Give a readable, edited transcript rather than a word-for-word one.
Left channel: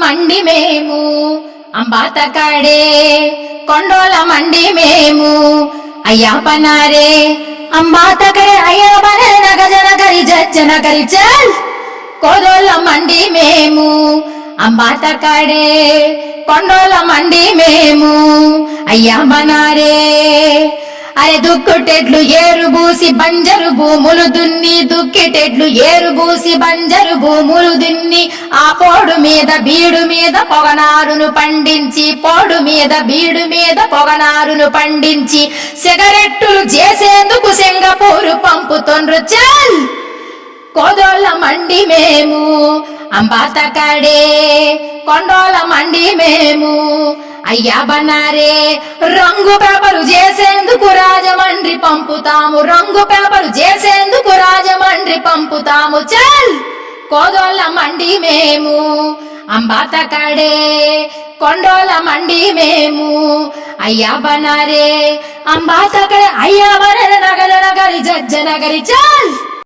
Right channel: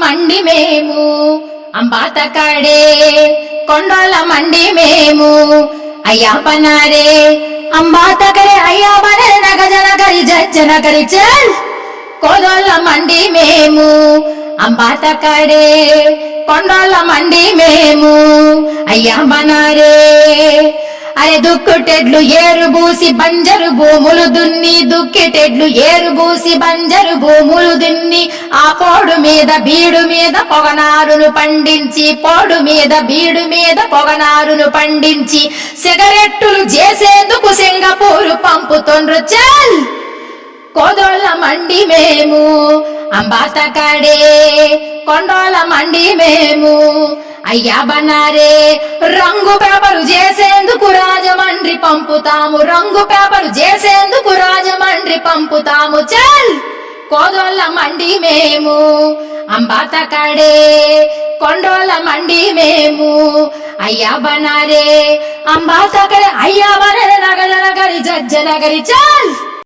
మండి మేము అంబాతకాడే కొండోల మండి మేము అయ్యా పనారే అంబాతకడే అయ్యా బనే నగజన కరి జన కరి చల్ కోదోళ్ళ మండి మేము అంబాతకాడే కొండోళ్ళ మండి మేము అయ్యా బనారే అరే దుక్కుటెడ్లు ఏరుబూసి బంజరు భూములు దున్ని దుక్కిటెడ్లు ఏరుబూసి బంజరు భూములు దున్ని ఆ పోడు మీద బీడు మీద పొగనారును పండించి పోడు మీద బీడు మీద పొగనారును పండించి సిగరెట్టులు చేసేందుకు సింగపూరు పంపుతుండ్రు చల్ కోదోళ్ళ మండి మేము అంబాతకాడే కొండోళ్ళ మండి మేము అయ్యా బనారే రంగు పేపరు చేసేందుకు రాజమండ్రి పంపుతాము రంగు పేపరు చేసేందుకు రాజమండ్రి పంపుతాము చల్ కోదోళ్ళ మండి మేము అంబాతకాడే కొండోళ్ళ మండి మేము అయ్యా బనారే అంబాతకాడే అయ్యా బనారే నగజన గరి జజ్జన గరి చల్